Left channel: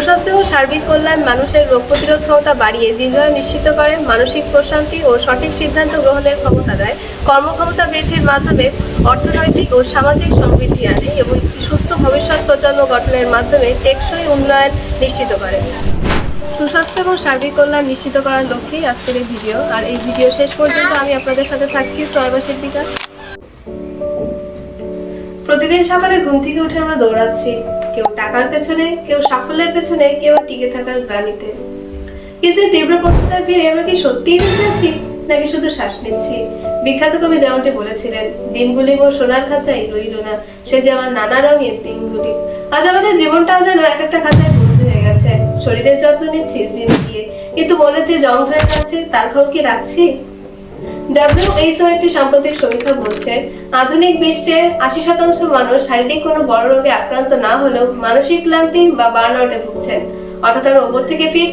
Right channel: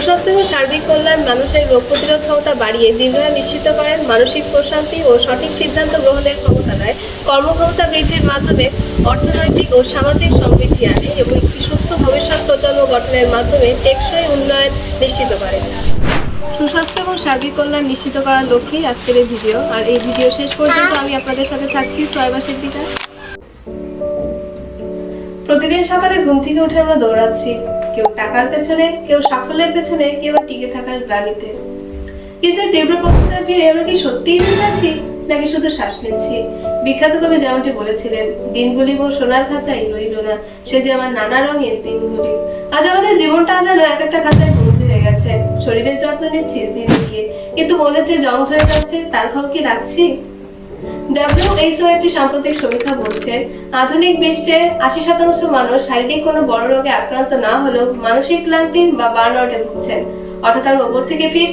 সুস্বাস্থ্য এবং সার্বিক কল্যাণ মানুষের রোগ প্রতিরোধ ক্ষমতা বাড়িয়ে দীর্ঘায়ু নিশ্চিত করে, মানসিক প্রশান্তি ও সঠিক সিদ্ধান্ত গ্রহণের ক্ষমতা দেয়, কর্মক্ষমতা বৃদ্ধির মাধ্যমে অর্থনৈতিক ও সামাজিক সমৃদ্ধি আনে এবং একটি সুস্থ ভবিষ্যৎ প্রজন্ম গঠনের মাধ্যমে টেকসই উন্নয়ন নিশ্চিত করে। সুস্বাস্থ্য এবং সার্বিক কল্যাণ নিশ্চিত করার লক্ষ্যেই আজকের এই ভিডিও। আর এই ভিডিও শেষ পর্যন্ত আমি আপনাদের সাথে থাকছি সোয়াইবা সিদ্দিকা। প্রতিদিন সকালে ঘুম থেকে উঠে আমরা দৌড়াচ্ছি, কেউ টাকার পেছনে, কেউ সাফল্যের পেছনে, কেউ টিকে থাকার গ্লানিতে। কিন্তু তীব্র প্রতিষ্ঠার ভিড়ে আমরা কি সত্যিই বেঁচে আছি, নাকি শুধু শ্বাস নিচ্ছি? বিখ্যাত কবি যেমনটি বলেছিলেন, দিনগুলি মোর সোনার খাঁচাই রইল না, সে যে আমার নানা রঙের দিনগুলি। আজ আমাদের জীবনটাও যেন এক একটা খাঁচায় বন্ধ হয়ে গেছে। শরীরের যত্ন নিচ্ছি জিমে গিয়ে, কিন্তু মনে যে জং ধরে যাচ্ছে তার খবর কি রাখছি? WHO একটি সাম্প্রতিক সমীক্ষা বলছে, আধুনিক বিশ্বে 80% মানুষ শারীরিক কোনো বড় রোগে আক্রান্ত না হলেও মানসিক ক্লান্তি বা বার্নআউটে ভুগছেন। অর্থাৎ আমরা ওপর থেকে ফিট।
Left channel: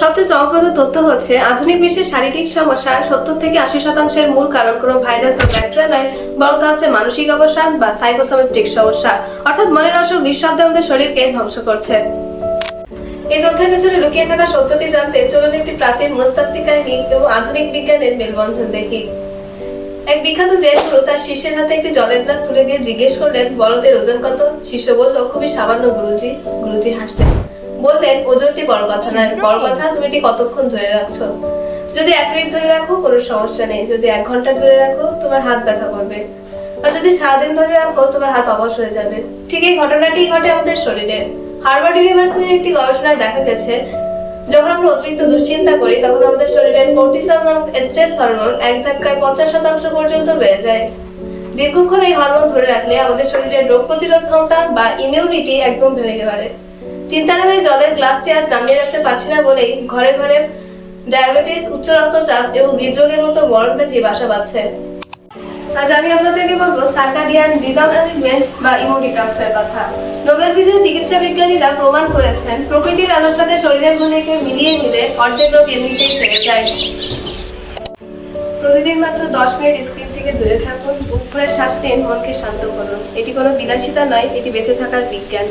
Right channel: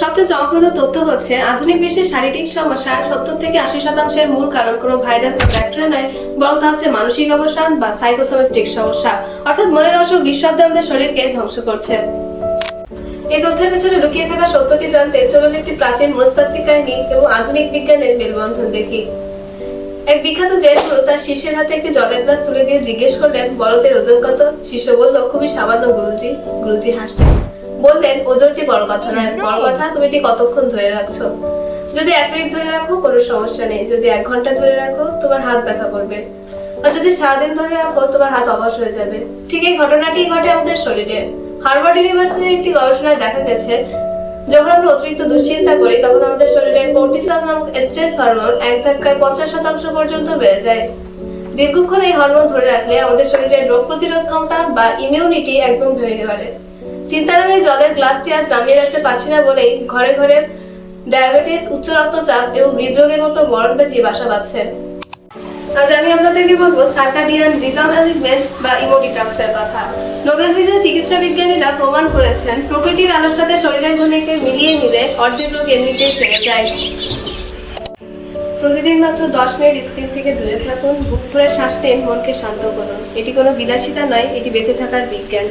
সবচেয়ে চমকপ্রদ তথ্য হচ্ছে, আধুনিক বিশ্বের শারীরিক সমস্যার 70 থেকে 80% মূল কারণ কোনো ভাইরাস বা ব্যাকটেরিয়া নয়, বরং তা হচ্ছে মানসিক অবসাদ বা সাইকোসোমেটিক সমস্যা। অর্থাৎ মনের অসুখ নিঃশব্দে আমাদের শরীরকে ধ্বংস করছে। এই তথ্যের পেছনে লুকিয়ে থাকা সত্যটি জানতে চলুন একটি প্রাচীন মনস্তাত্ত্বিক কাহিনী এবং আধুনিক বিজ্ঞানের মেলবন্ধন দেখি। এক বিখ্যাত জৈন গুরু তার শিষ্যের হাতে একটি জলের গ্লাস তুলে দিয়ে জিজ্ঞেস করলেন, বলদের ওজন কত? শিষ্য বলল, খুবই সামান্য গুরুজি। গুরুজি হাসলেন, বললেন, ওজনটি বড় কথা নয়, বড় কথা তুমি এটি কতক্ষণ ধরে রাখছো। যদি 1 মিনিট ধরে রাখো কোনো সমস্যা নেই, যদি 1 ঘন্টা ধরে রাখো তোমার হাত ব্যথা করবে, আর যদি সারাদিন ধরে রাখো তোমার হাত অবশ হয়ে যাবে। ঠিক এই ঘটনাটি ঘটে আমাদের শরীরে। হার্ভার্ড ইউনিভার্সিটির একটি গবেষণায় দেখা গেছে, যখন আমরা অতিরিক্ত দুশ্চিন্তা করি তখন আমাদের শরীরের কর্টিসল নামক স্ট্রেস হরমোন এক ধাক্কায় 50% পর্যন্ত বেড়ে যায়। দীর্ঘক্ষণ এই হরমোন ধরে রাখলে আমাদের শরীরের রোগ প্রতিরোধ ক্ষমতা বা ইমিউনিটি একদম ভেঙে পারে। চিন্তা নামে জলের গ্লাসটি আর নামিয়ে রাখতে পারছি না বলেই ঘরে ঘরে ডায়াবেটিস, উচ্চ রক্তচাপ এবং হৃদরোগের মতো মরণ ব্যাধি বাসা বাঁধছে। আজ আমি আপনাদেরকে বলবো সার্কাডিয়ান রিদম অ্যালিগমেন্ট বা ইমোডিটক্সের কথা। নোবেল বিজয়ী চিকিৎসা বিজ্ঞানীরা প্রমাণ করেছেন, প্রকৃতির আলোর সাথে শরীরের ঘুলিকে মিলিয়ে নিলে অর্ধেক রোগ এমনিতেই সেরে যায়। প্রতিদিন মাত্র 10 মিনিট স্ক্রিন থেকে দূরে থাকুন, বুক ভরে শ্বাস নিন, মনকে শান্ত করুন। এটি কোনো বিলাসিতা নয়, এটি বেঁচে থাকার বিজ্ঞান।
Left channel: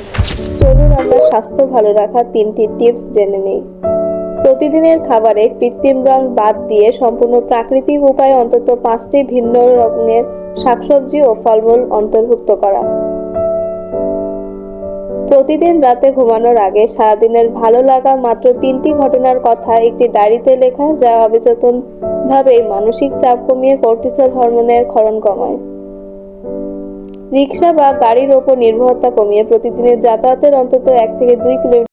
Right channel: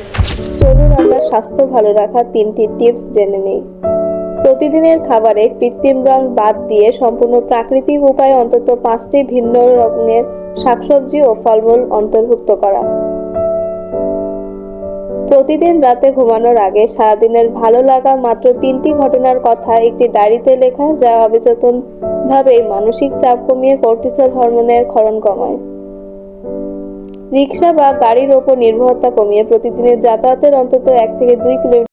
চলুন আমরা স্বাস্থ্য ভালো রাখার 3টি টিপস জেনে নিই। প্রতিদিনের খাবারে কৃত্রিম রং বাদ দিয়ে সম্পূর্ণ প্রাকৃতিক উপায়ে অন্তত 5টি ভিন্ন রঙের শাকসবজি ও ফলমূল অন্তর্ভুক্ত করা। প্রতিদিন রাতে ঘুমানোর আগে সারাদিনের ভালো লাগা মাত্র 3টি ঘটনার কথা একটি ডায়েরিতে লেখা, যা অবচেতনভাবে মানসিক চাপ কমিয়ে কর্টিসল হরমোনের ক্ষরণ কমায়। রিক্সা বা গাড়ির ওপর নির্ভরতা কমিয়ে প্রতিদিনের যাতায়াতের অন্তত 1 থেকে 2 কিলোমিটার